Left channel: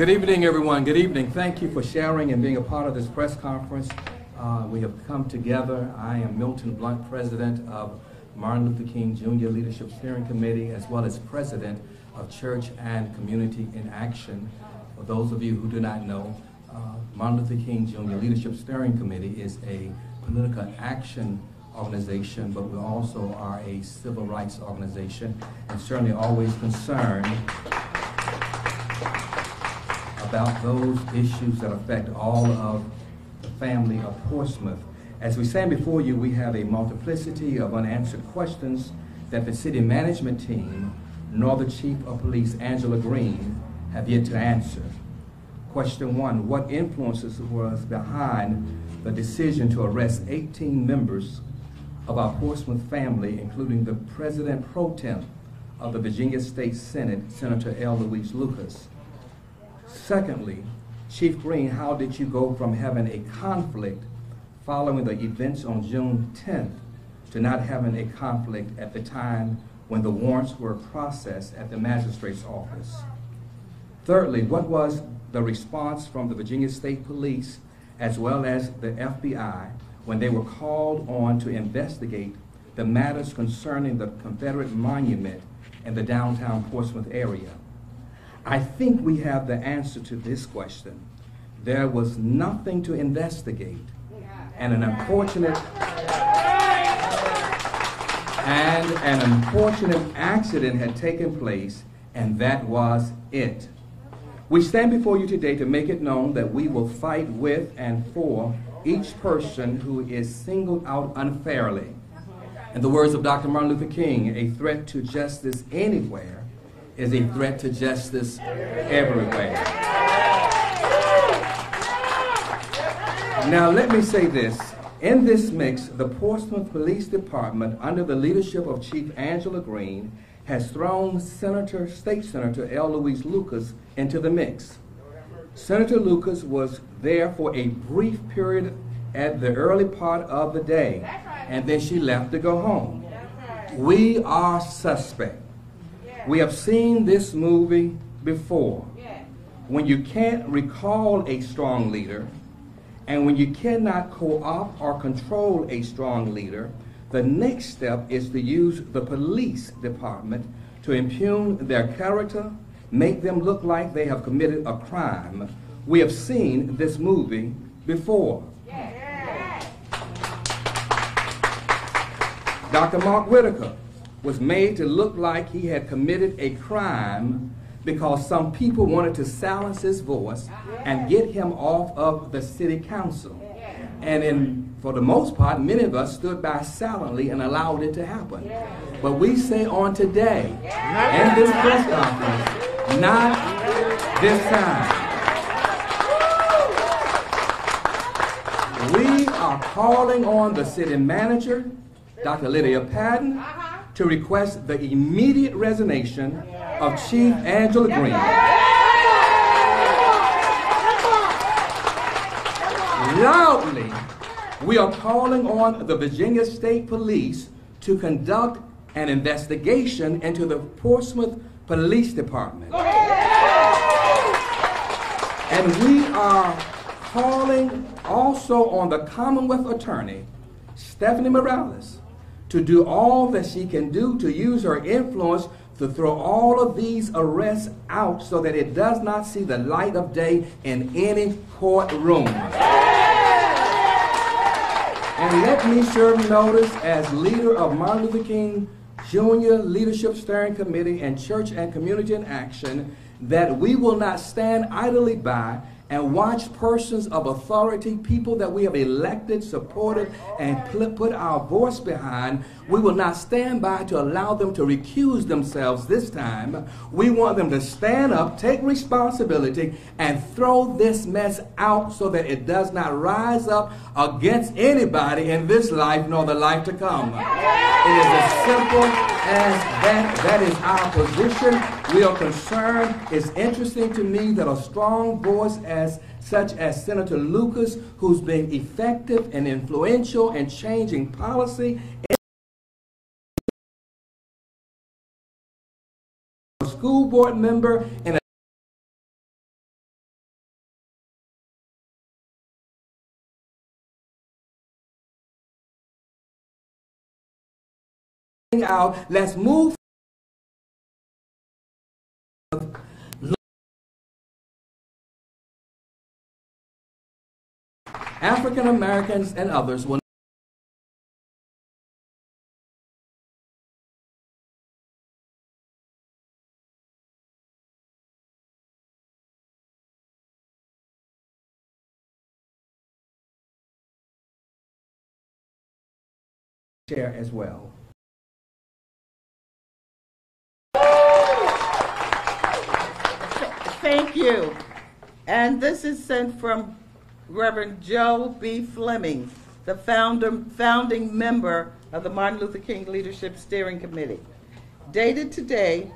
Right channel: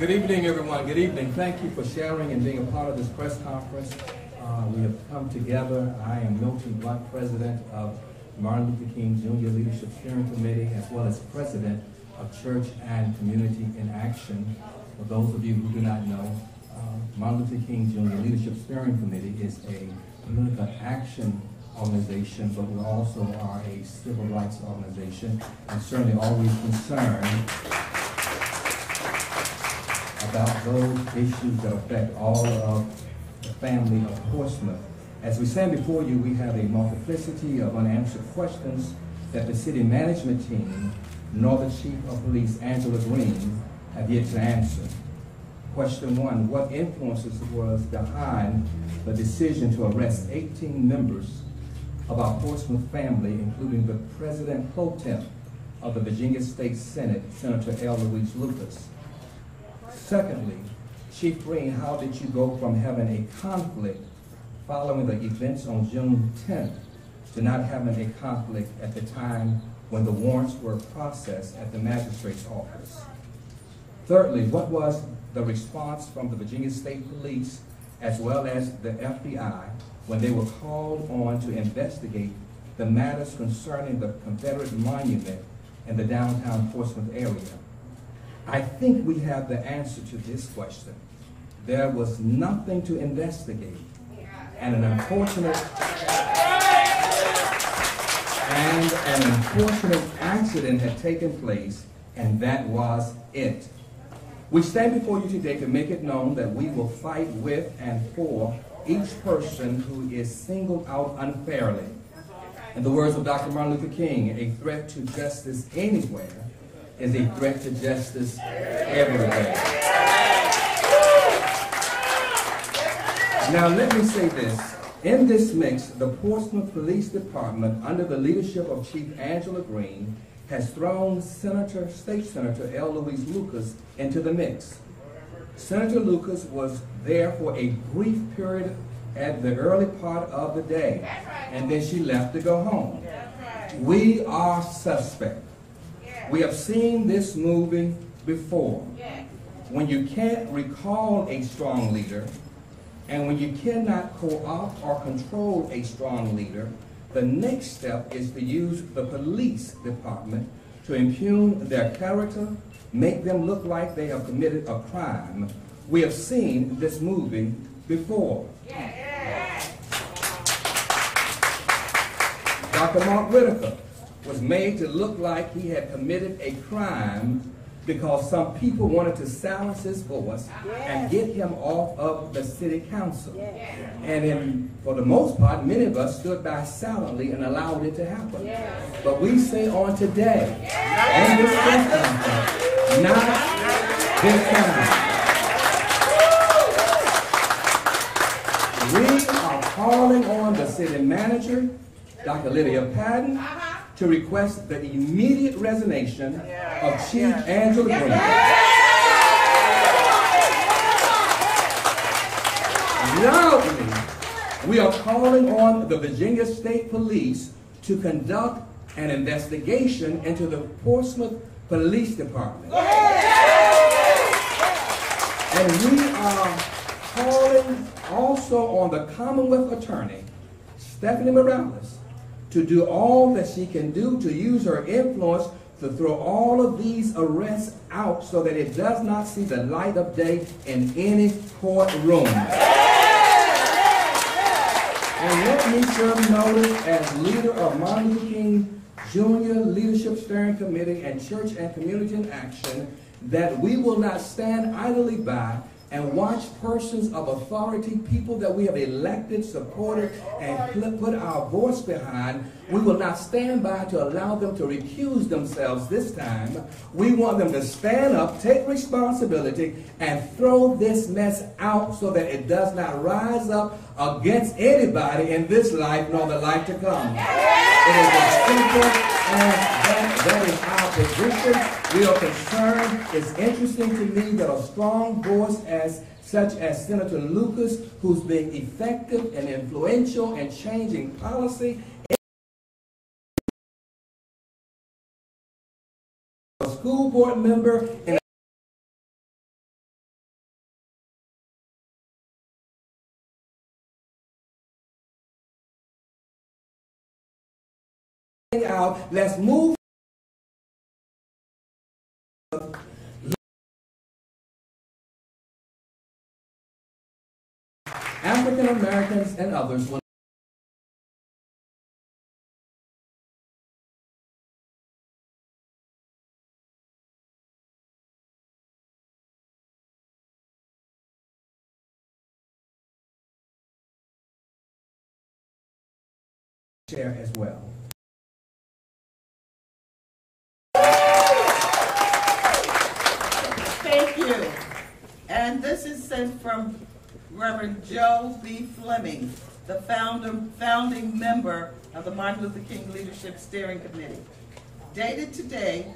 Good evening, everyone. Good evening. Thank you for sharing and being a part of this press conference. We have come together. I am Milton Blunt, President of Martin Luther King Jr. Leadership Steering Committee, as well as President of Church and Community in Action. For those of you who do not know, Martin Luther King Jr. Leadership Steering Committee is a political action organization, but we also are a civil rights organization, and certainly always concerned about those issues that affect all of the family of Portsmouth. As we stand before you, we have a multiplicity of unanswered questions that the city management team, nor the Chief of Police, Angela Green, have yet to answer. Question one, what influences was behind the decision to arrest 18 members of our Portsmouth family, including the President Pro Tem of the Virginia State Senate, Senator L. Louise Lucas? Secondly, Chief Green, how did you go from having a conflict following the events on June 10th to not having a conflict at the time when the warrants were processed at the magistrate's office? Thirdly, what was the response from the Virginia State Police as well as the FBI when they were called on to investigate the matters concerning the Confederate monument in the downtown Portsmouth area? I think we have the answer to this question. There was nothing to investigate, and an unfortunate accident had taken place, and that was it. We stand before you today to make it known that we will fight with and for each person who is singled out unfairly. In the words of Dr. Martin Luther King, a threat to justice anywhere is a threat to justice everywhere. Now let me say this. In this mix, the Portsmouth Police Department, under the leadership of Chief Angela Green, has thrown State Senator L. Louise Lucas into the mix. Senator Lucas was there for a brief period at the early part of the day, and then she left to go home. We are suspect. We have seen this movie before. When you can't recall a strong leader, and when you cannot co-opt or control a strong leader, the next step is to use the police department to impugn their character, make them look like they have committed a crime. We have seen this movie before. Dr. Mark Whitaker was made to look like he had committed a crime because some people wanted to silence his voice and get him off of the city council. And for the most part, many of us stood by silently and allowed it to happen. But we say on today, in this press conference, not this time. We are calling on the city manager, Dr. Lydia Patton, to request the immediate resignation of Chief Angela Green. Loudly, we are calling on the Virginia State Police to conduct an investigation into the Portsmouth Police Department. And we are calling also on the Commonwealth Attorney, Stephanie Morales, to do all that she can do to use her influence to throw all of these arrests out so that it does not see the light of day in any courtroom. And let me serve notice as leader of Martin Luther King Jr. Leadership Steering Committee and Church and Community in Action that we will not stand idly by and watch persons of authority, people that we have elected, supported, and put our voice behind. We will not stand by to allow them to recuse themselves this time. We want them to stand up, take responsibility, and throw this mess out so that it does not rise up against anybody in this life nor the life to come. It is as simple as that. That is our position. We are concerned. It's interesting to me that a strong voice such as Senator Lucas, who's been effective and influential in changing policy, a school board member in out. Let's move African Americans and others will share as well. Thank you. And this is sent from Reverend Joe B. Fleming, the founding member of the Martin Luther King Leadership Steering Committee. Dated today,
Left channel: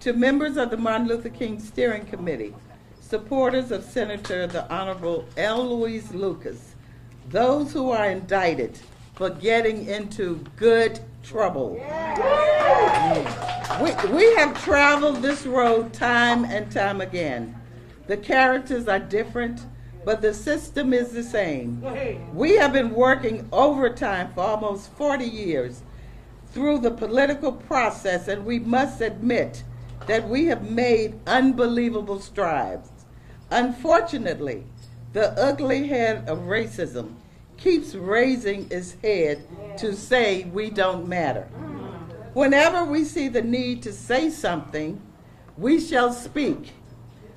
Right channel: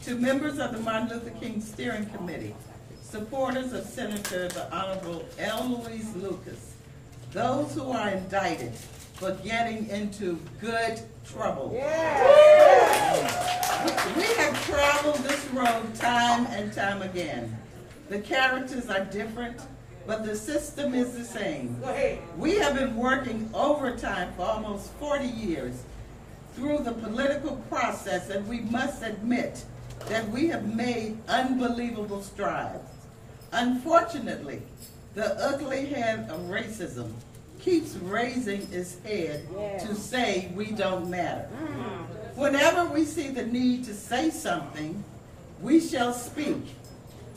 to members of the Martin Luther King Steering Committee, supporters of Senator the Honorable L. Louis Lucas, those who are indicted for getting into good trouble. We have traveled this road time and time again. The characters are different, but the system is the same. We have been working overtime for almost 40 years through the political process, and we must admit that we have made unbelievable strides. Unfortunately, the ugly head of racism keeps raising its head to say we don't matter. Whenever we see the need to say something, we shall speak.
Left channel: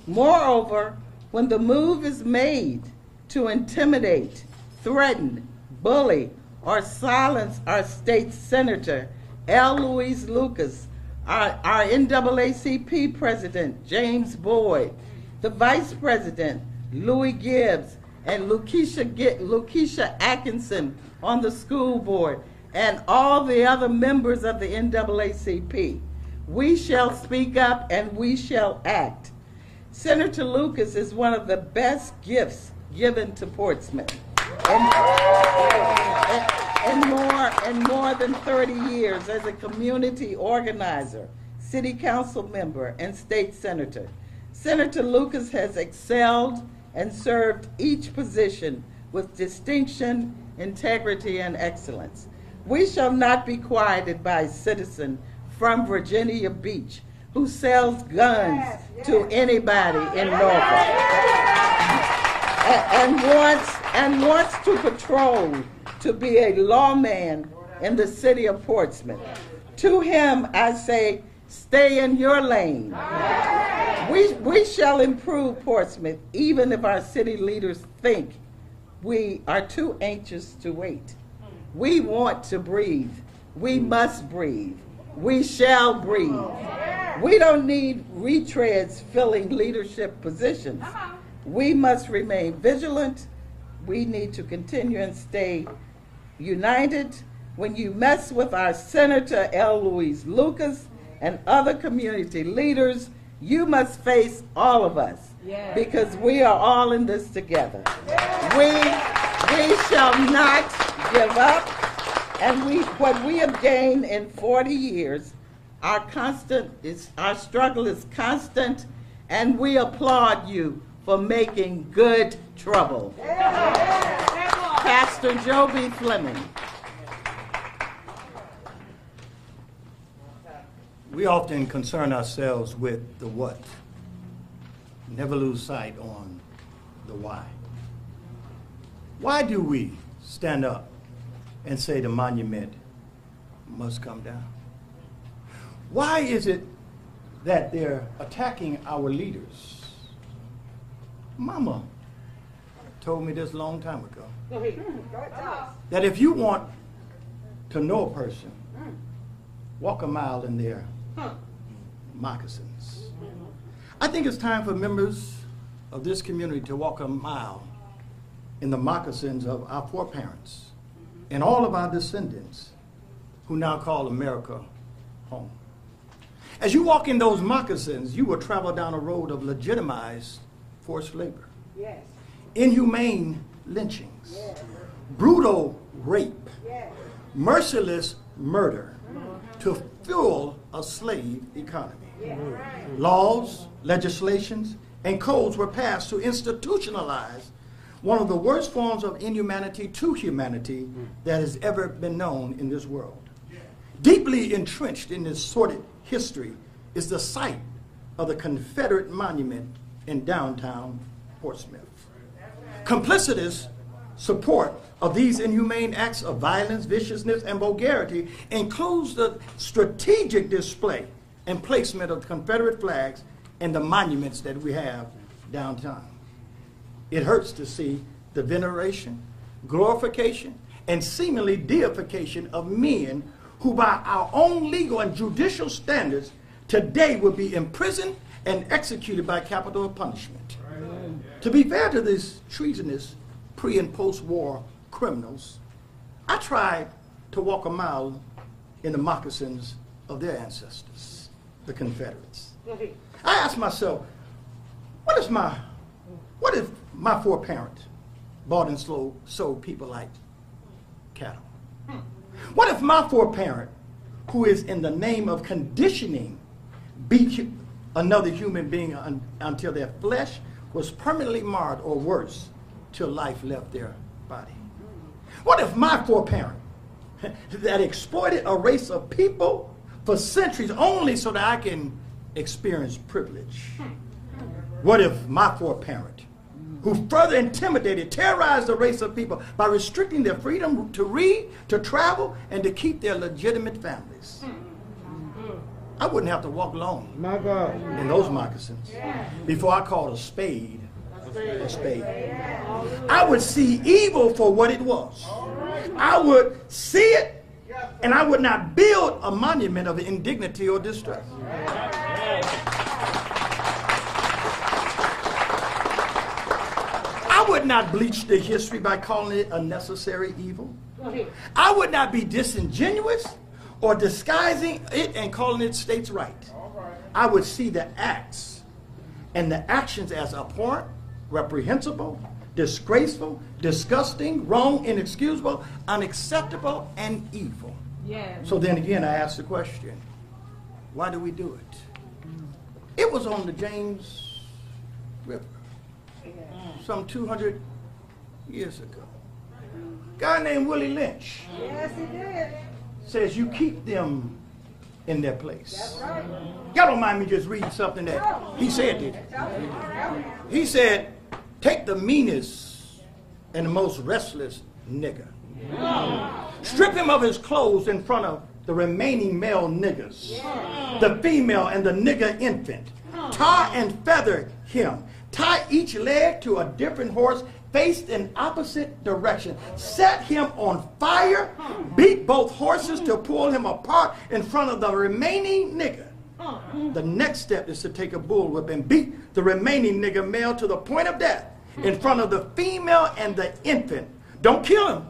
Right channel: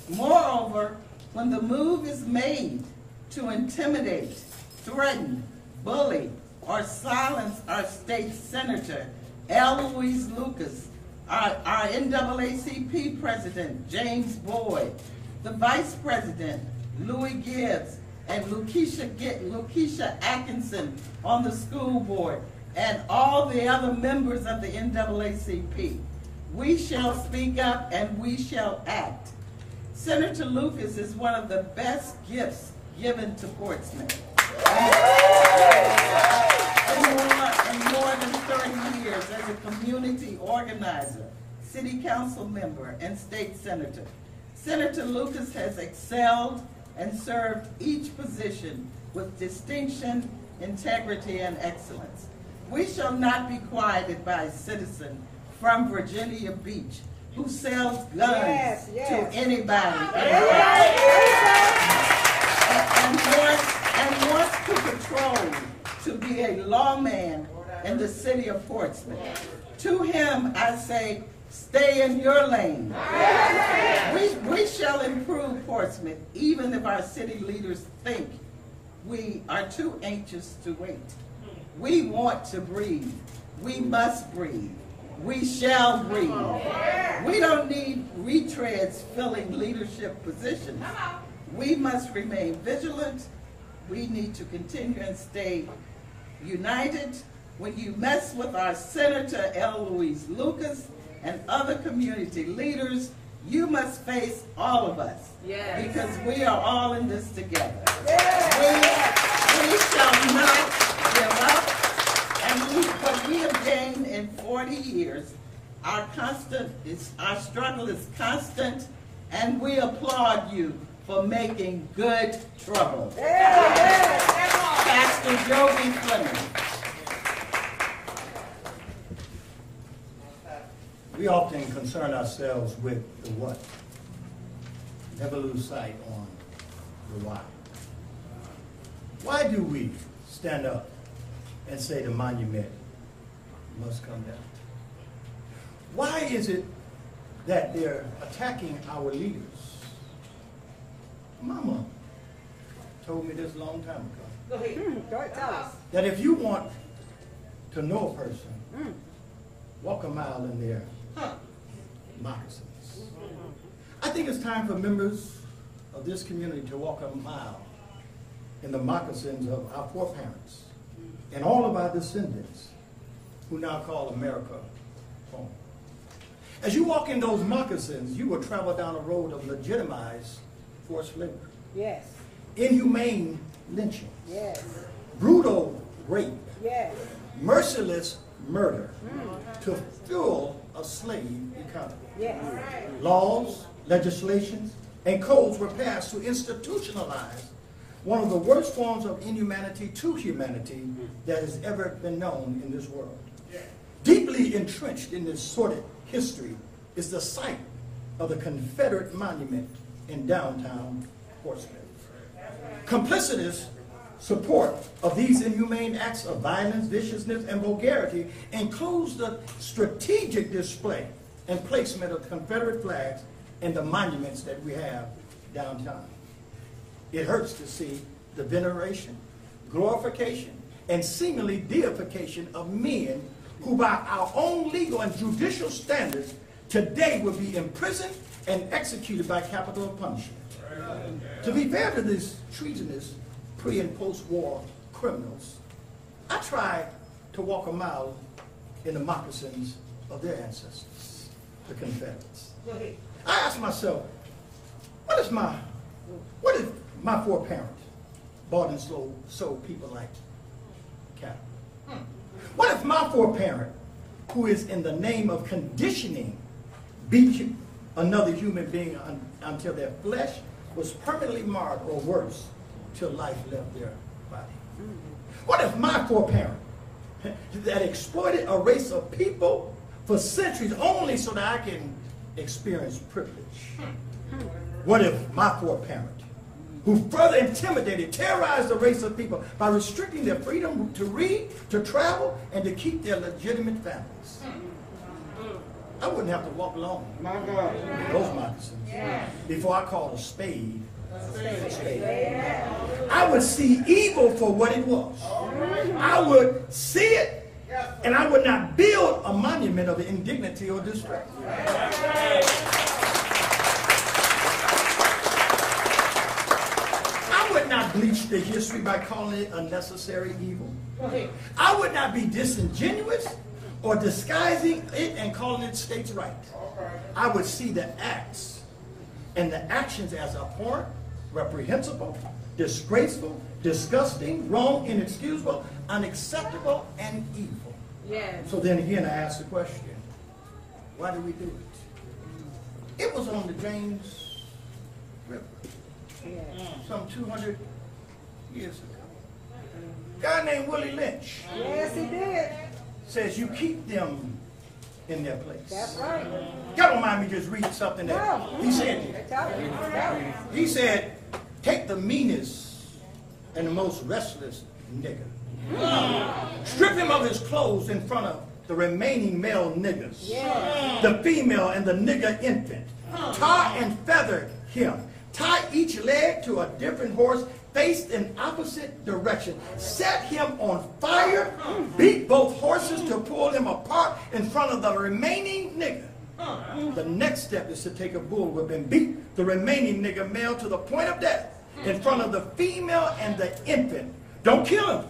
Moreover, when the move is made to intimidate, threaten, bully, or silence our state senator, L. Louis Lucas, our NAACP president, James Boyd, the vice president, Louis Gibbs, and Lakeisha Atkinson on the school board, and all the other members of the NAACP. We shall speak up and we shall act. Senator Lucas is one of the best gifts given to Portsmouth. In more than 30 years as a community organizer, city council member, and state senator, Senator Lucas has excelled and served each position with distinction, integrity, and excellence. We shall not be quieted by a citizen from Virginia Beach who sells guns to anybody in Norfolk and wants to patrol to be a lawman in the city of Portsmouth. To him I say, stay in your lane. We shall improve Portsmouth even if our city leaders think we are too anxious to wait. We want to breathe. We must breathe. We shall breathe. We don't need retreads filling leadership positions. We must remain vigilant. We need to continue and stay united. When you mess with our Senator L. Louis Lucas and other community leaders, you must face all of us, because we are all in this together. We shall not give up, and what we have gained in 40 years, our struggle is constant, and we applaud you for making good trouble. Pastor Joe B. Fleming. We often concern ourselves with the what. Never lose sight on the why. Why do we stand up and say the monument must come down? Why is it that they're attacking our leaders? Mama told me this a long time ago. That if you want to know a person, walk a mile in their moccasins. I think it's time for members of this community to walk a mile in the moccasins of our foreparents and all of our descendants who now call America home. As you walk in those moccasins, you will travel down a road of legitimized forced labor, inhumane lynchings, brutal rape, merciless murder to fuel a slave economy. Laws, legislations, and codes were passed to institutionalize one of the worst forms of inhumanity to humanity that has ever been known in this world. Deeply entrenched in this sordid history is the site of the Confederate monument in downtown Portsmouth. Complicitous support of these inhumane acts of violence, viciousness, and vulgarity includes the strategic display and placement of Confederate flags and the monuments that we have downtown. It hurts to see the veneration, glorification, and seemingly deification of men who by our own legal and judicial standards today would be imprisoned and executed by capital punishment. To be fair to these treasonous pre- and post-war criminals, I tried to walk a mile in the moccasins of their ancestors, the Confederates. I asked myself, what if my foreparent bought and sold people like cattle? What if my foreparent, who is in the name of conditioning, beat another human being until their flesh was permanently marred or worse, till life left their body? What if my foreparent that exploited a race of people for centuries only so that I can experience privilege? What if my foreparent, who further intimidated, terrorized the race of people by restricting their freedom to read, to travel, and to keep their legitimate families? I wouldn't have to walk alone in those moccasins before I called a spade a spade. I would see evil for what it was. I would see it, and I would not build a monument of indignity or distress. I would not bleach the history by calling it a necessary evil. I would not be disingenuous or disguising it and calling it states' right. I would see the acts and the actions as abhorrent, reprehensible, disgraceful, disgusting, wrong, inexcusable, unacceptable, and evil. So then again, I ask the question, why do we do it? It was on the James River some 200 years ago. A guy named Willie Lynch says you keep them in their place. That's right. God don't mind me just reading something that he said. He said, take the meanest and the most restless nigger. Strip him of his clothes in front of the remaining male niggers, the female and the nigger infant. Tar and feather him. Tie each leg to a different horse, faced in opposite direction. Set him on fire. Beat both horses to pull him apart in front of the remaining nigger. The next step is to take a bull whip and beat the remaining nigger male to the point of death in front of the female and the infant. Don't kill him,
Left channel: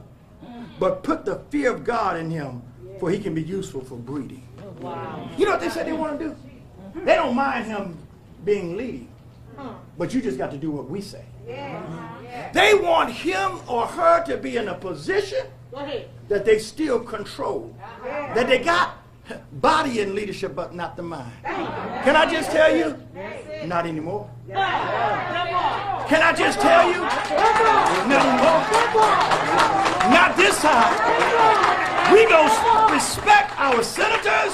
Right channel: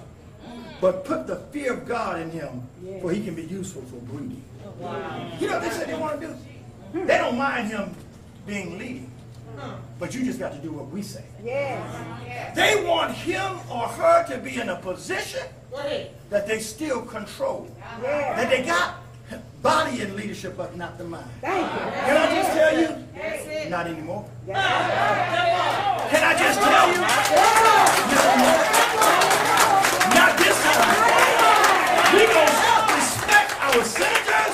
but put the fear of God in him, for he can be useful for breeding. You know what they said they want to do? They don't mind him being leading, but you just got to do what we say. They want him or her to be in a position that they still control, that they got body and leadership, but not the mind. Can I just tell you? Not anymore. Can I just tell you? Not anymore. Not this time. We're going to respect our senators,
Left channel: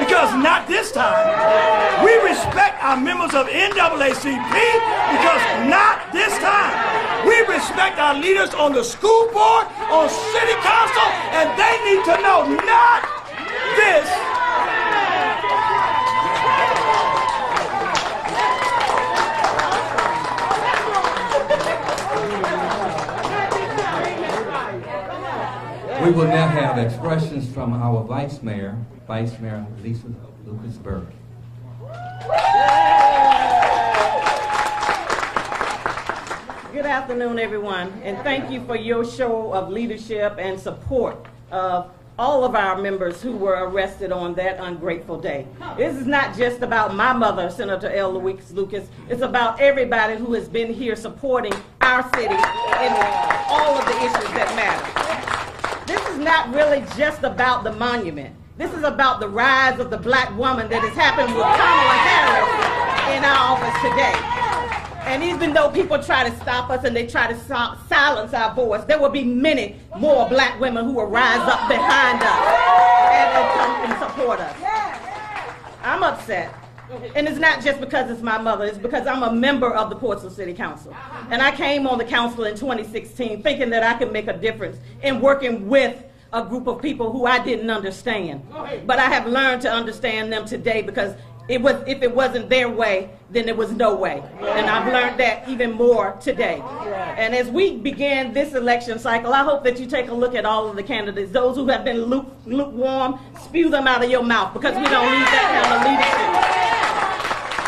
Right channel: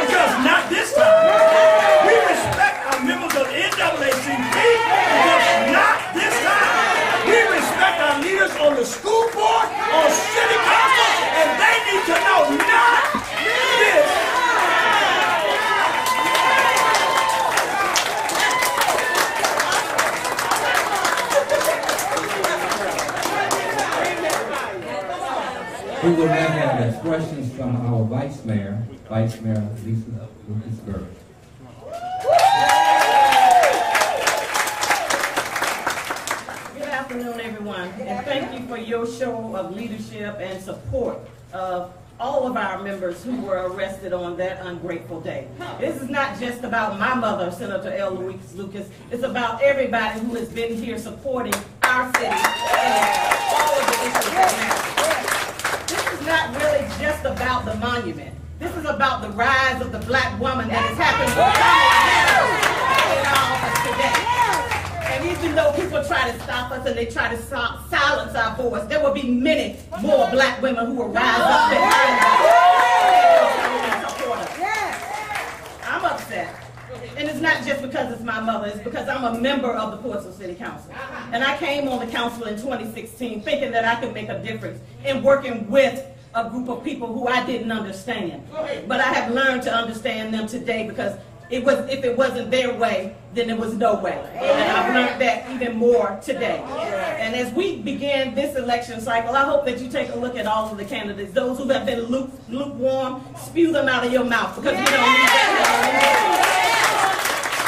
because not this time. We respect our members of NAACP, because not this time. We respect our leaders on the school board, on city council, and they need to know not this. We will now have expressions from our Vice Mayor Lisa Lucas-Burke. Good afternoon, everyone, and thank you for your show of leadership and support of all of our members who were arrested on that ungrateful day. This is not just about my mother, Senator L. Louise Lucas. It's about everybody who has been here supporting our city and all of the issues that matter. This is not really just about the monument. This is about the rise of the black woman that has happened with Kamala Harris in our office today. And even though people try to stop us and they try to silence our voice, there will be many more black women who will rise up behind us. upset. And it's not just because it's my mother, it's because I'm a member of the Portsmouth City Council. And I came on the council in 2016 thinking that I could make a difference in working with a group of people who I didn't understand. But I have learned to understand them today because if it wasn't their way, then there was no way. And I've learned that even more today. And as we begin this election cycle, I hope that you take a look at all of the candidates. Those who have been lukewarm, spew them out of your mouth because we don't need that kind of leadership.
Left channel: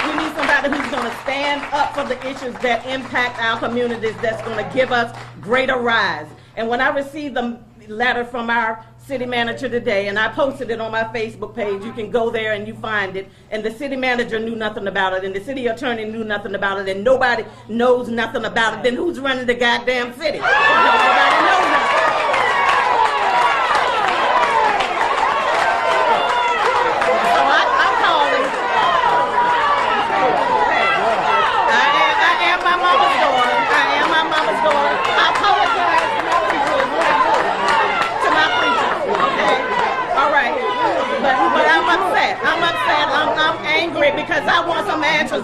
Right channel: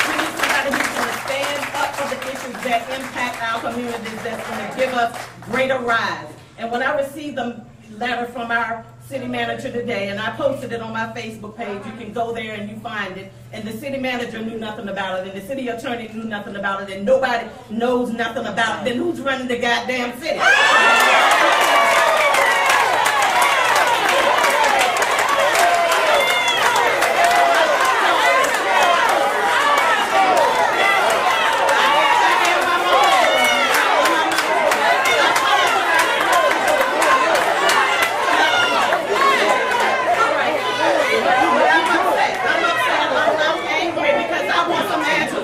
We need somebody who's going to stand up for the issues that impact our communities, that's going to give us greater rise. And when I received the letter from our city manager today, and I posted it on my Facebook page. You can go there and you find it. And the city manager knew nothing about it, and the city attorney knew nothing about it, and nobody knows nothing about it. Then who's running the goddamn city?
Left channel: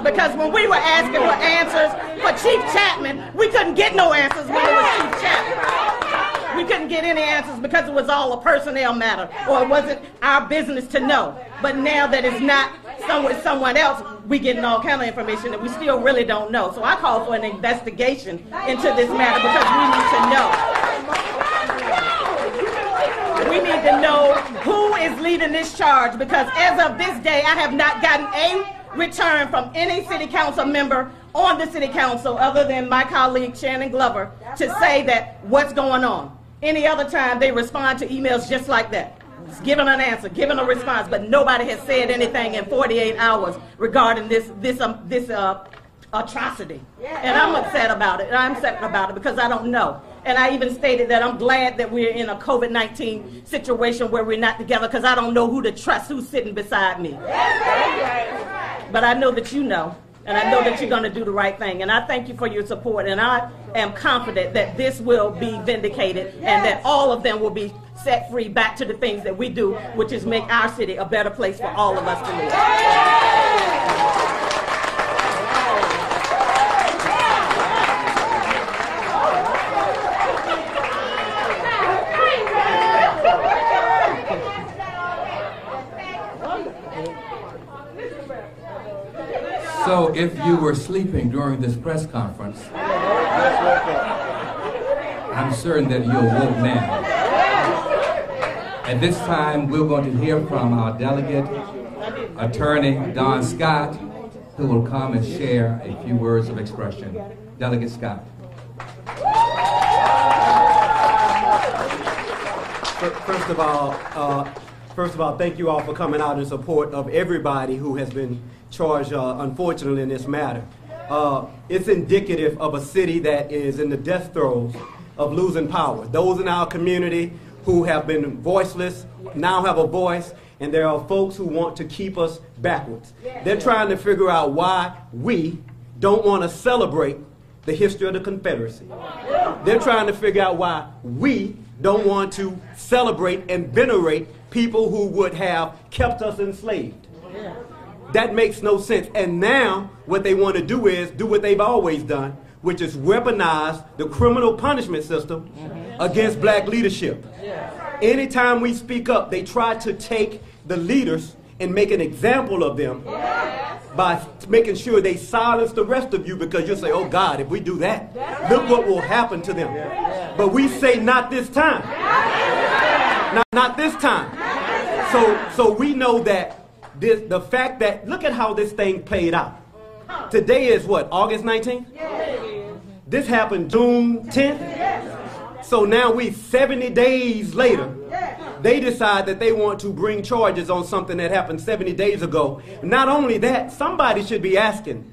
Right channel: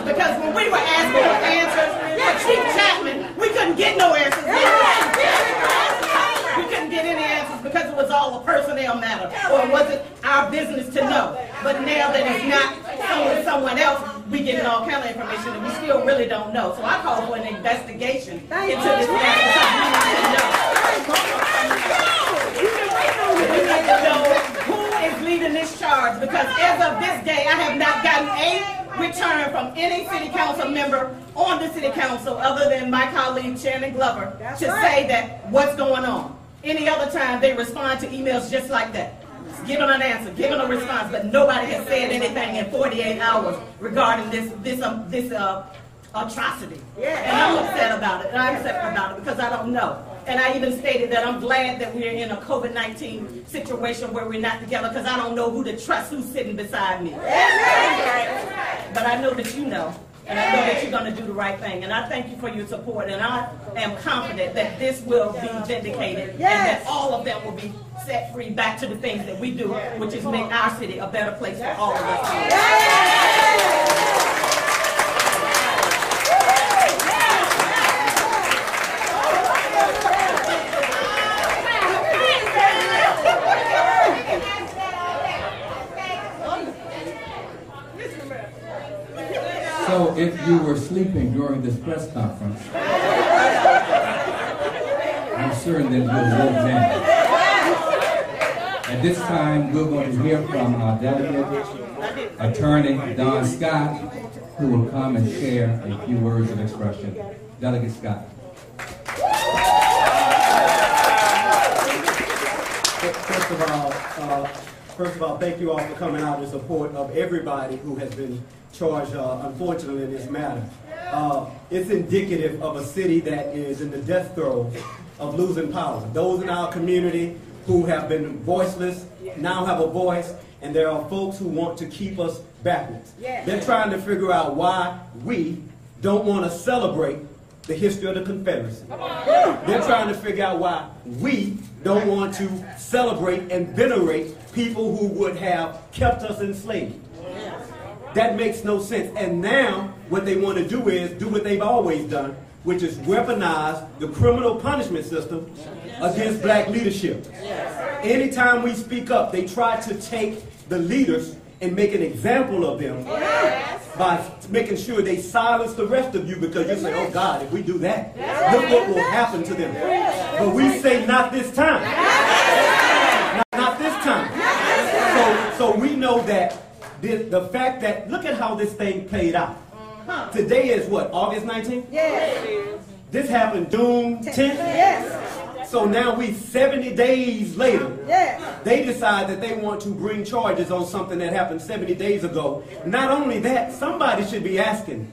Because when we were asking for answers for Chief Chapman, we couldn't get no answers. We couldn't get any answers because it was all a personnel matter, or it wasn't our business to know. But now that it's not someone else, we getting all kind of information that we still really don't know. So I call for an investigation into this matter because we need to know who is leading this charge, because as of this day, I have not gotten a return from any city council member on the city council other than my colleague Shannon Glover to say that what's going on. Any other time they respond to emails just like that, just giving an answer, giving a response, but nobody has said anything in 48 hours regarding this atrocity. And I'm upset about it. I'm upset about it because I don't know. And I even stated that I'm glad that we're in a COVID-19 situation where we're not together because I don't know who to trust, who's sitting beside me. But I know that you know, and I know that you're going to do the right thing. And I thank you for your support, and I am confident that this will be vindicated and that all of them will be set free back to the things that we do, which is make our city a better place for all of us to live. So if you were sleeping during this press conference, I'm certain that you awoke now. At this time, we're going to hear from our delegate, Attorney Don Scott, who will come and share a few words of expression. Delegate Scott. First of all, thank you all for coming out in support of everybody who has been charged, unfortunately, in this matter. It's indicative of a city that is in the death throes of losing power. Those in our community who have been voiceless now have a voice, and there are folks who want to keep us backwards. They're trying to figure out why we don't want to celebrate the history of the Confederacy. They're trying to figure out why we don't want to celebrate and venerate people who would have kept us enslaved. That makes no sense. And now what they want to do is do what they've always done, which is weaponize the criminal punishment system against black leadership. Anytime we speak up, they try to take the leaders and make an example of them by making sure they silence the rest of you, because you say, oh God, if we do that, look what will happen to them. But we say not this time. Not this time. So we know that the fact that, look at how this thing played out. Today is what, August 19th? Yes. This happened June 10th? Yes. So now 70 days later, Yes. they decide that they want to bring charges on something that happened 70 days ago. Not only that, somebody should be asking,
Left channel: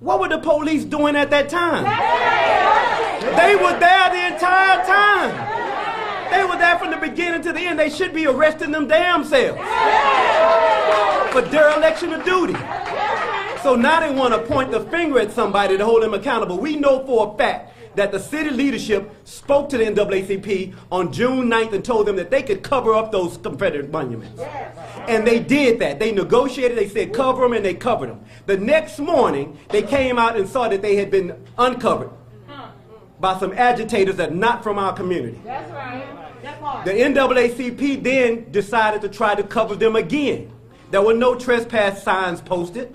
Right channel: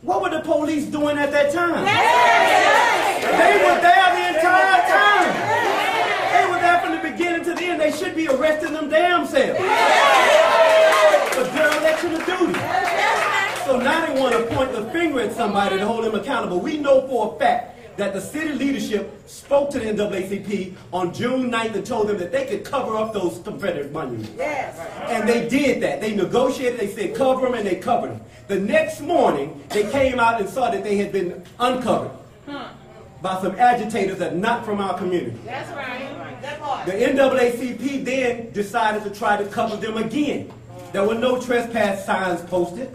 what were the police doing at that time? Yes. They were there the entire time. They were there from the beginning to the end. They should be arresting them damn selves for dereliction of duty. So now they want to point the finger at somebody to hold them accountable. We know for a fact that the city leadership spoke to the NAACP on June 9th and told them that they could cover up those Confederate monuments. Yes. And they did that. They negotiated, they said cover them, and they covered them. The next morning, they came out and saw that they had been uncovered by some agitators that are not from our community. That's right. The NAACP then decided to try to cover them again. There were no trespass signs posted.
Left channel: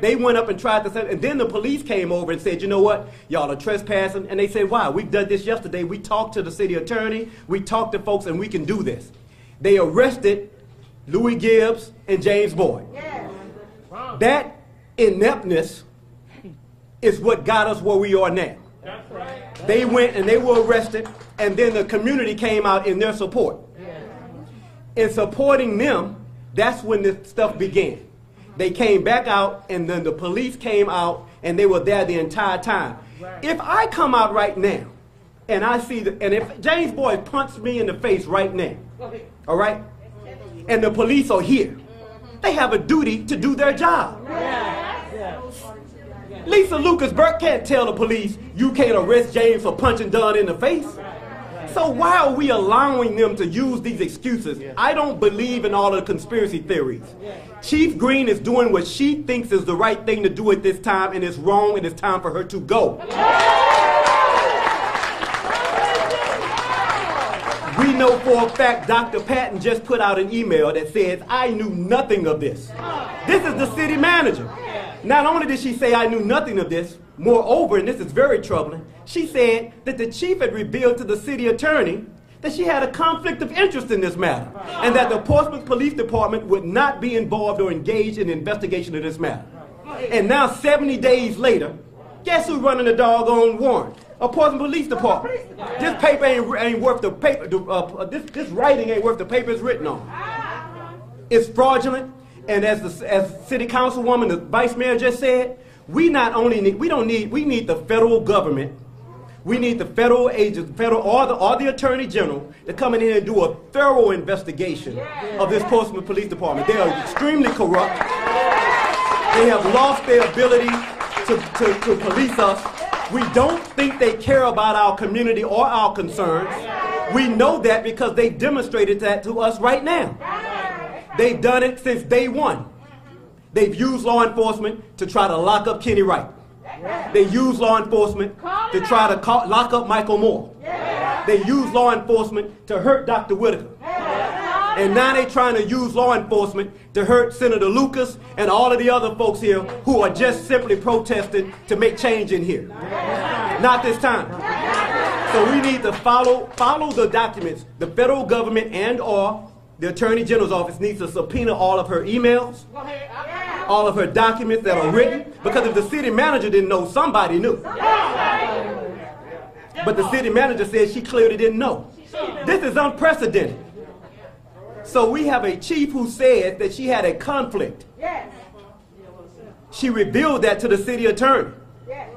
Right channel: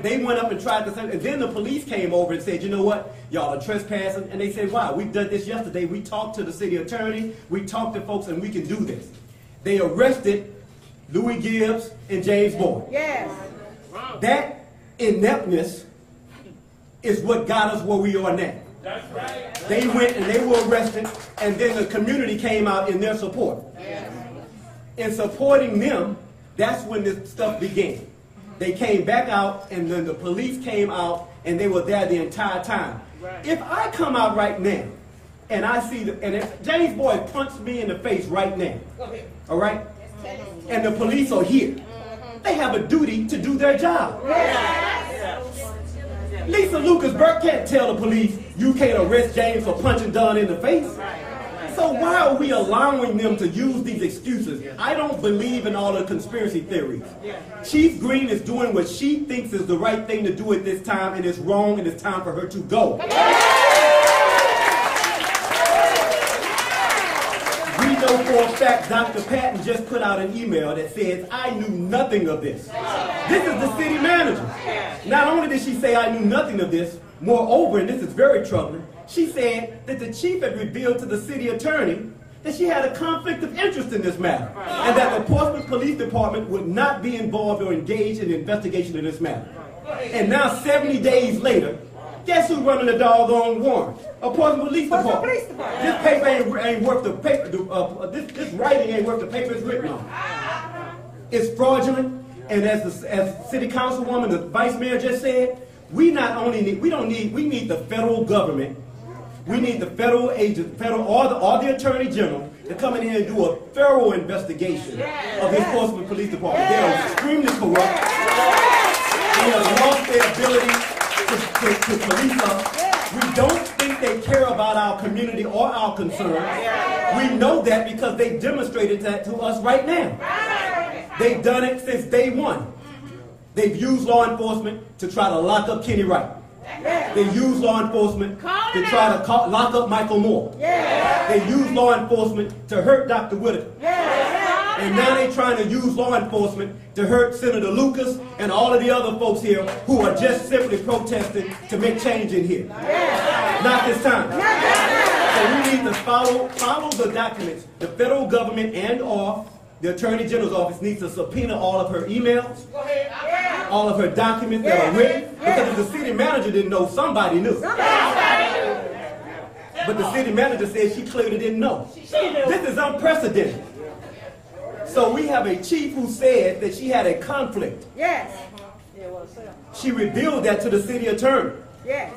They went up and tried to say, and then the police came over and said, you know what, y'all are trespassing. And they said, why? We've done this yesterday. We talked to the city attorney. We talked to folks, and we can do this. They arrested Louis Gibbs and James Boyd. Yes. That ineptness is what got us where we are now. That's right. They went and they were arrested, and then the community came out in their support. Yes. In supporting them, that's when this stuff began. They came back out, and then the police came out, and they were there the entire time. Right. If I come out right now, and I see, and if James Boyd punches me in the face right now, all right, and the police are here, they have a duty to do their job. Lisa Lucas Burke can't tell the police, you can't arrest James for punching Dunn in the face. So why are we allowing them to use these excuses? I don't believe in all the conspiracy theories. Chief Green is doing what she thinks is the right thing to do at this time, and it's wrong, and it's time for her to go. We know for a fact Dr. Patton just put out an email that says, I knew nothing of this. This is the city manager. Not only did she say I knew nothing of this, moreover, and this is very troubling, she said that the chief had revealed to the city attorney that she had a conflict of interest in this matter, and that the Portsmouth Police Department would not be involved or engaged in the investigation of this matter. And now, 70 days later, guess who's running the doggone warrant? A Portsmouth Police Department. This paper ain't worth the paper. This writing ain't worth the paper it's written on. It's fraudulent, and as City Councilwoman, the Vice Mayor just said, we need the federal government. We need the federal agent, or the Attorney General to come in here and do a thorough investigation of this Portsmouth Police Department. They are extremely corrupt. They have lost their ability to police us. We don't think they care about our community or our concerns. We know that because they demonstrated that to us right now. They've done it since day one. They've used law enforcement to try to lock up Kenny Wright. They use law enforcement to try to lock up Michael Moore. They use law enforcement to hurt Dr. Whitaker. And now they're trying to use law enforcement to hurt Senator Lucas and all of the other folks here who are just simply protesting to make change in here. Not this time. So we need to follow the documents. The federal government and or the Attorney General's office needs to subpoena all of her emails, all of her documents that are written, because if the city manager didn't know, somebody knew. But the city manager said she clearly didn't know. This is unprecedented. So we have a chief who said that she had a conflict. Yes. She revealed that to the city attorney. Yes.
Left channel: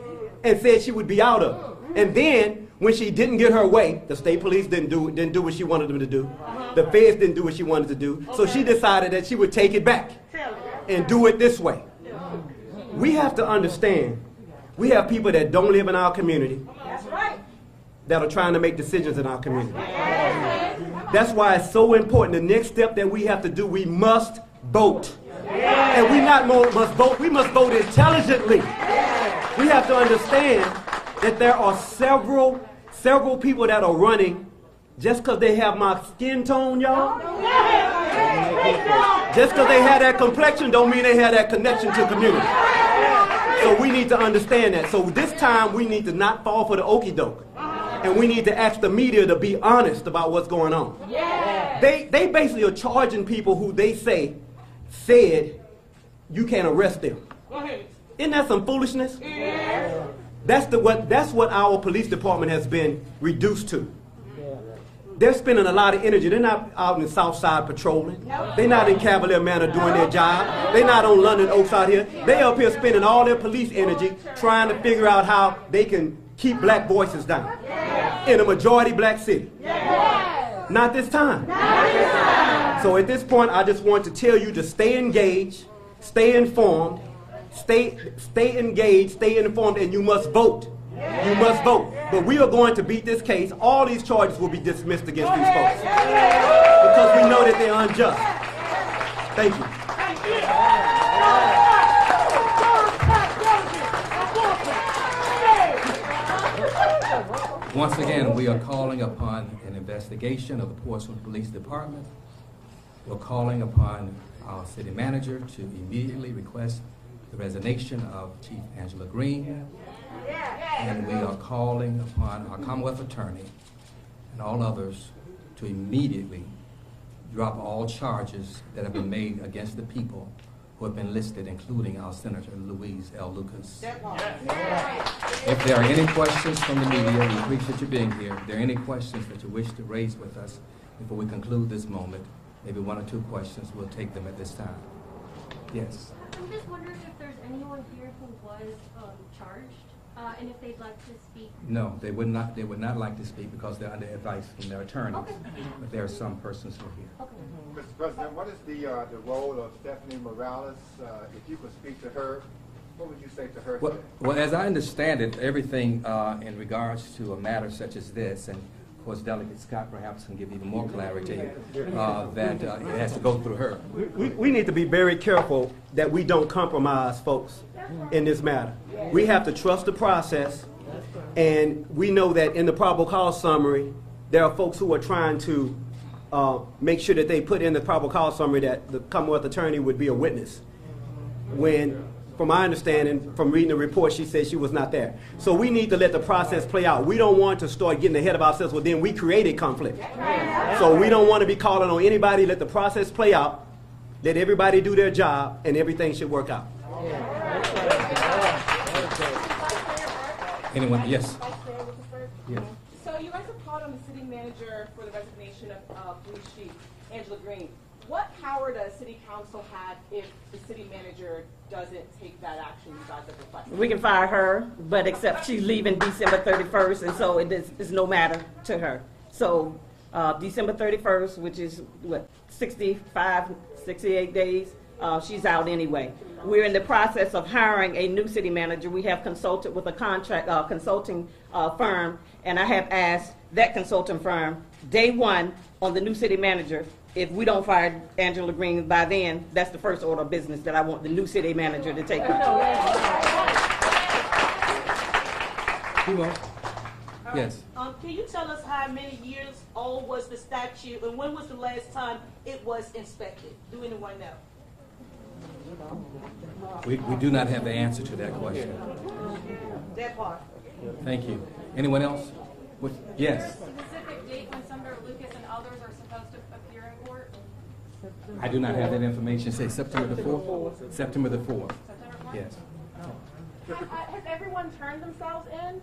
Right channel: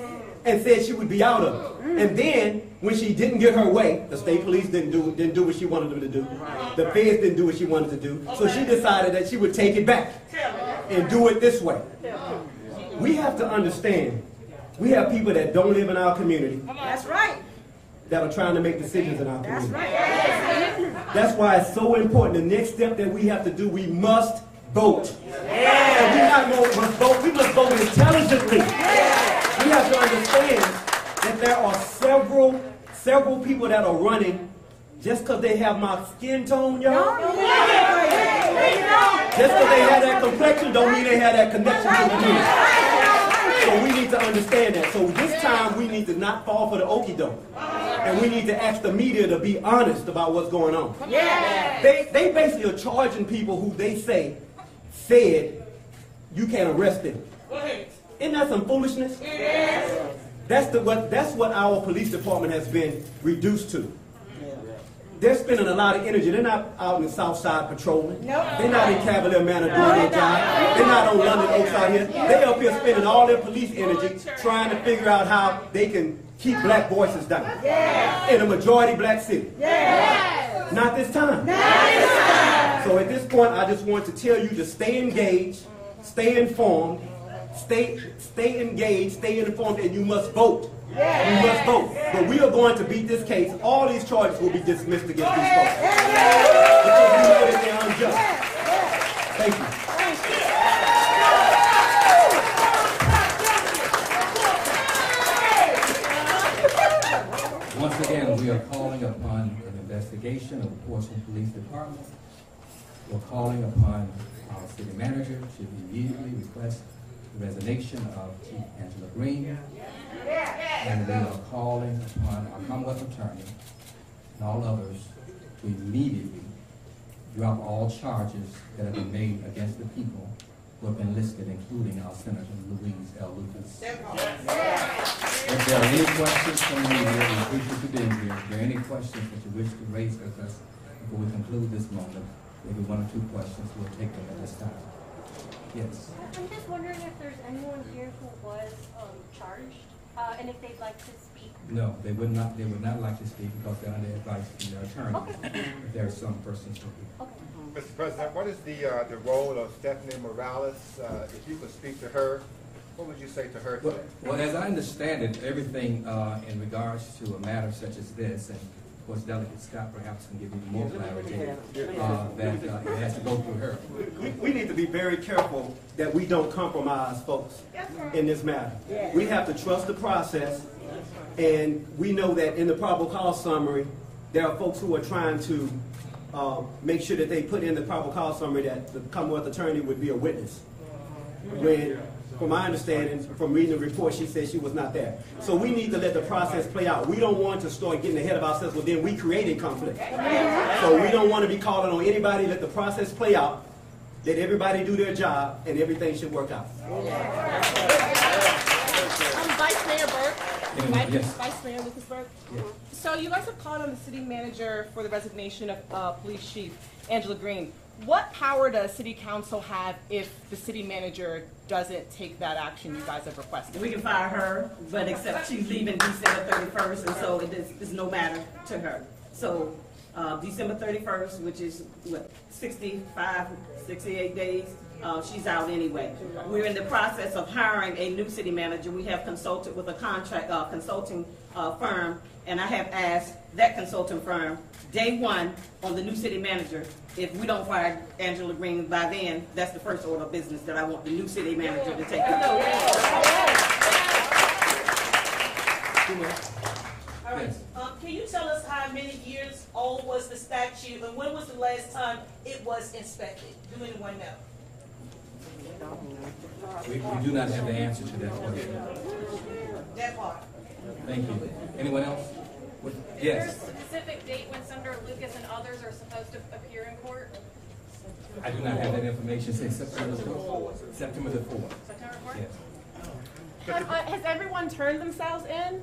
And said she would be out of it. And then, when she didn't get her way, the state police didn't do what she wanted them to do. The feds didn't do what she wanted to do. So she decided that she would take it back and do it this way. We have to understand, we have people that don't live in our community. That's right. That are trying to make decisions in our community. That's why it's so important. The next step that we have to do, we must vote. And we not must vote, we must vote intelligently. We have to understand that there are several people that are running just because they have my skin tone, y'all. Just because they have that complexion don't mean they have that connection to the news. So we need to understand that. So this time we need to not fall for the okie doke. And we need to ask the media to be honest about what's going on. They basically are charging people who they said you can't arrest them. Isn't that some foolishness? That's what our police department has been reduced to. They're spending a lot of energy. They're not out in the South Side patrolling. They're not in Cavalier Manor doing their job. They're not on London Oaks out here. They're up here spending all their police energy trying to figure out how they can keep black voices down in a majority black city. Not this time. So at this point, I just want to tell you to stay engaged, stay informed, stay engaged, stay informed, and you must vote. We must vote. But we are going to beat this case. All these charges will be dismissed against these folks. Because we know that they're unjust. Thank you. Once again, we are calling upon an investigation of the Portsmouth Police Department. We're calling upon our city manager to immediately request the resignation of Chief Angela Green. And we are calling upon our Commonwealth Attorney and all others to immediately drop all charges that have been made against the people who have been listed, including our Senator Louise L. Lucas. If there are any questions from the media, we appreciate you being here. If there are any questions that you wish to raise with us before we conclude this moment, maybe one or two questions, we'll take them at this time. Yes? I'm just wondering if there's anyone here who was charged, and if they'd like to speak. No, they would not. They would not like to speak because they're under advice from their attorney. Okay. But there are some persons who are here. Okay. Mr. President, what is the role of Stephanie Morales? If you could speak to her, what would you say to her today? Well, as I understand it, everything in regards to a matter such as this, and of course Delegate Scott perhaps can give even more clarity, that it has to go through her. We need to be very careful that we don't compromise folks in this matter. We have to trust the process, and we know that in the probable cause summary, there are folks who are trying to make sure that they put in the probable cause summary that the Commonwealth Attorney would be a witness. When, from my understanding, from reading the report, she said she was not there. So we need to let the process play out. We don't want to start getting ahead of ourselves, well, then we created conflict. So we don't want to be calling on anybody. Let the process play out. Let everybody do their job, and everything should work out. Vice Mayor Burke. Anyone? Yes. Vice Mayor Lucas Burke. Yes. So you guys have called on the city manager for the resignation of Police Chief Angela Green. What power does City Council have if the city manager doesn't take that action you guys have requested? We can fire her, but except she's leaving December 31st, and so it is no matter to her. So December 31st, which is what, 65, 68 days, she's out anyway. We're in the process of hiring a new city manager. We have consulted with a consulting firm, and I have asked that consulting firm, day one on the new city manager, if we don't fire Angela Green by then, that's the first order of business that I want the new city manager to take care Yes. Can you tell us how many years old was the statue, and when was the last time it was inspected? Do anyone know? We do not have the answer to that question. That part. Thank you. Anyone else? Yes. Is there a specific date when Senator Lucas and others are supposed to appear in court? I do not have that information. Say September the 4th. September the 4th. September 4th? Yes. Has everyone turned themselves in?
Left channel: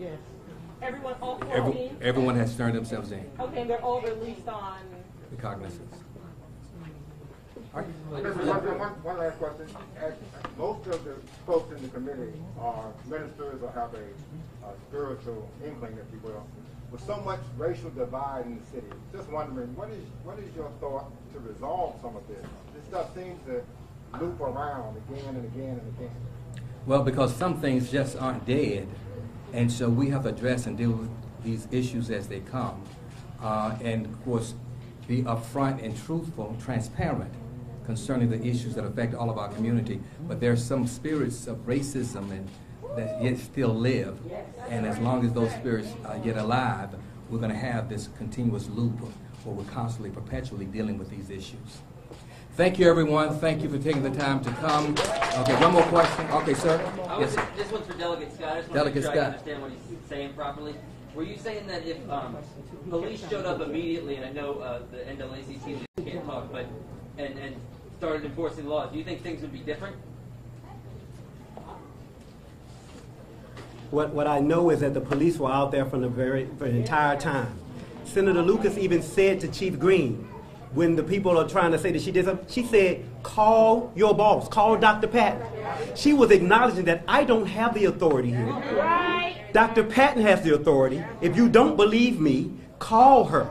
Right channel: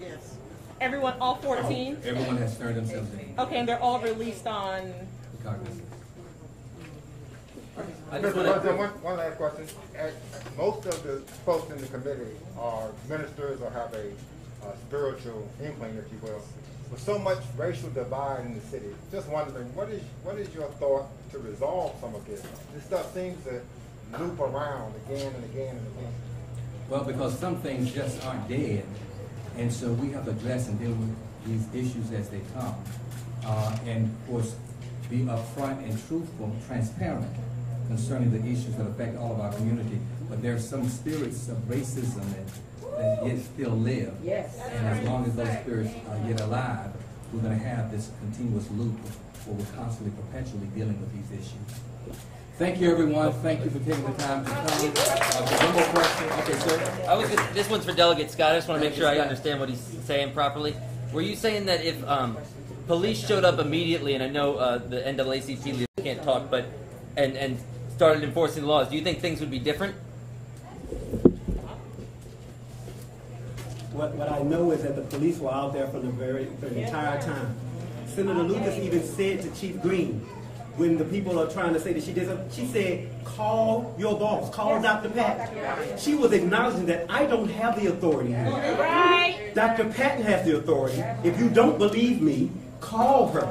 Yes. Everyone, all 14? Everyone has turned themselves in. Okay, and they're all released on... Recognizance. Mr. President, one last question. Most of the folks in the committee are ministers or have a spiritual inkling, if you will. With so much racial divide in the city, just wondering, what is your thought to resolve some of this? This stuff seems to loop around again and again and again. Well, because some things just aren't dead, and so we have to address and deal with these issues as they come. And of course, be upfront and truthful, transparent concerning the issues that affect all of our community. But there are some spirits of racism that yet still live. Yes. And as long as those spirits are yet alive, we're going to have this continuous loop where we're constantly, perpetually dealing with these issues. Thank you, everyone. Thank you for taking the time to come. One more question. Okay, sir. This one's for Delegate Scott. I just want to make sure Delegate I Scott. understand what he's saying properly. Were you saying that if police showed up immediately, and I know the NAACP leaders can't talk, but and started enforcing the laws, do you think things would be different? What I know is that the police were out there for the entire time. Senator Lucas even said to Chief Green, when the people are trying to say that she did something, she said, call your boss, call Dr. Patton. She was acknowledging that I don't have the authority here. Right. Dr. Patton has the authority. If you don't believe me, call her.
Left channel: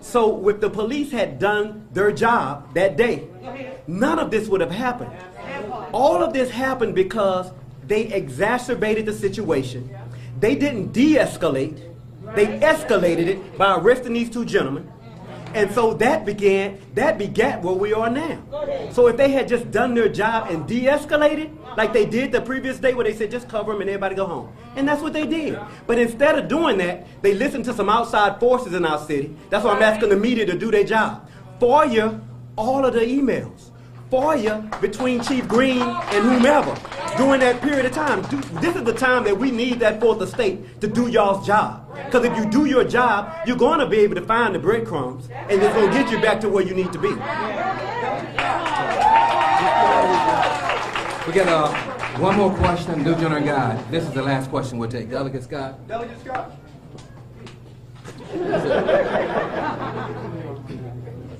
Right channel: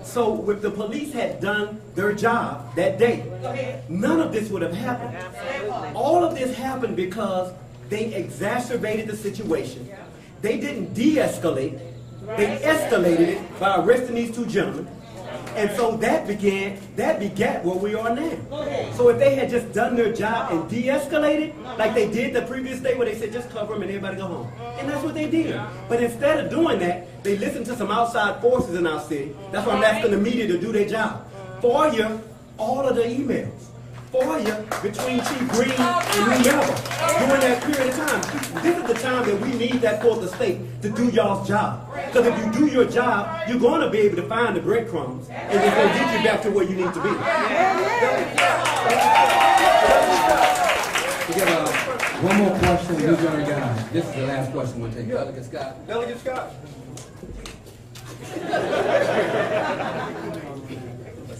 So if the police had done their job that day, none of this would have happened. All of this happened because they exacerbated the situation. they didn't de-escalate, they escalated it by arresting these two gentlemen. And so that begat where we are now. So if they had just done their job and de-escalated, like they did the previous day where they said just cover them and everybody go home. And that's what they did. But instead of doing that, they listened to some outside forces in our city. That's why I'm asking the media to do their job. FOIA all of the emails. FOIA between Chief Green and whomever during that period of time. This is the time that we need that for the state to do y'all's job. Because if you do your job, you're going to be able to find the breadcrumbs, and it's going to get you back to where you need to be. We got one more question, New General Guy. This is the last question we'll take. Delegate Scott. Delegate Scott.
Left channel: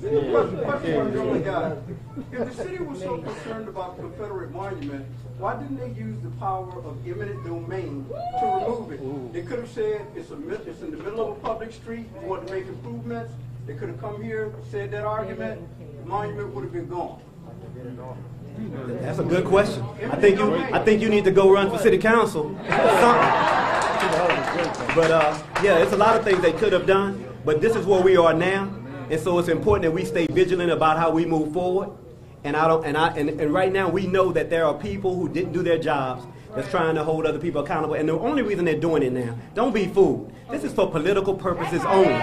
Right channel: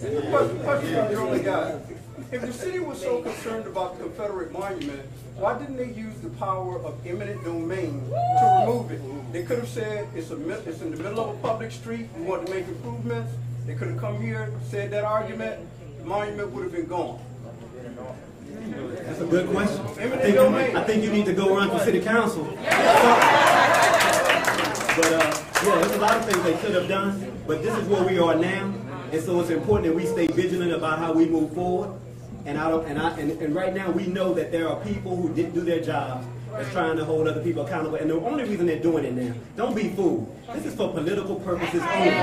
Question from the only guy. If the city was so concerned about the Confederate monument, why didn't they use the power of eminent domain to remove it? They could have said it's in the middle of a public street, we want to make improvements. They could have come here, said that argument, the monument would have been gone. That's a good question. I think you need to go run for city council. But yeah, there's a lot of things they could have done, but this is where we are now. And so it's important that we stay vigilant about how we move forward. And right now we know that there are people who didn't do their jobs that's trying to hold other people accountable. And the only reason they're doing it now, don't be fooled. This is for political purposes only.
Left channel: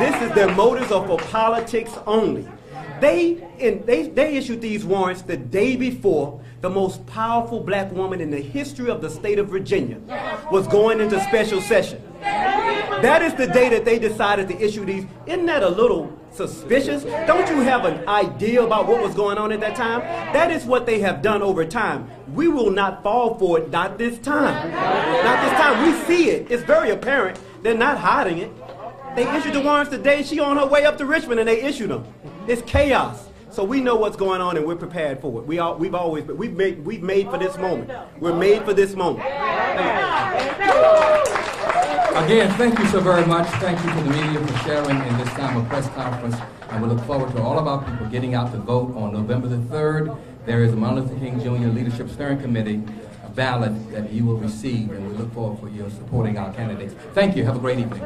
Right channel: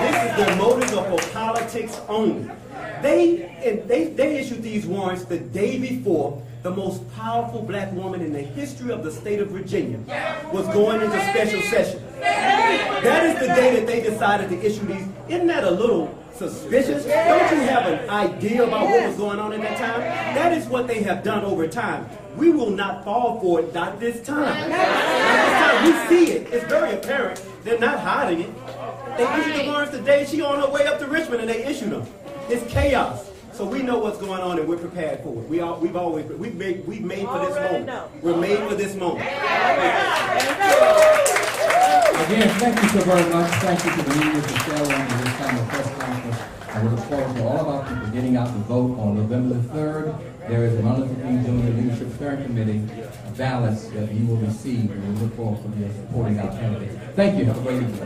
This is their motives are for politics only. They issued these warrants the day before the most powerful black woman in the history of the state of Virginia was going into special session. That is the day that they decided to issue these. Isn't that a little suspicious? Don't you have an idea about what was going on at that time? That is what they have done over time. We will not fall for it, not this time. Not this time. We see it. It's very apparent. They're not hiding it. They issued the warrants today. She on her way up to Richmond and they issued them. It's chaos. So we know what's going on and we're prepared for it. We've made for this moment. We're made for this moment. Again, thank you so very much. Thank you to the media for sharing in this time of press conference. And we look forward to all of our people getting out to vote on November the 3rd. There is a Martin Luther King Jr. Leadership Steering Committee ballots that you will receive, and we look forward for you supporting our candidates. Thank you. Have a great evening.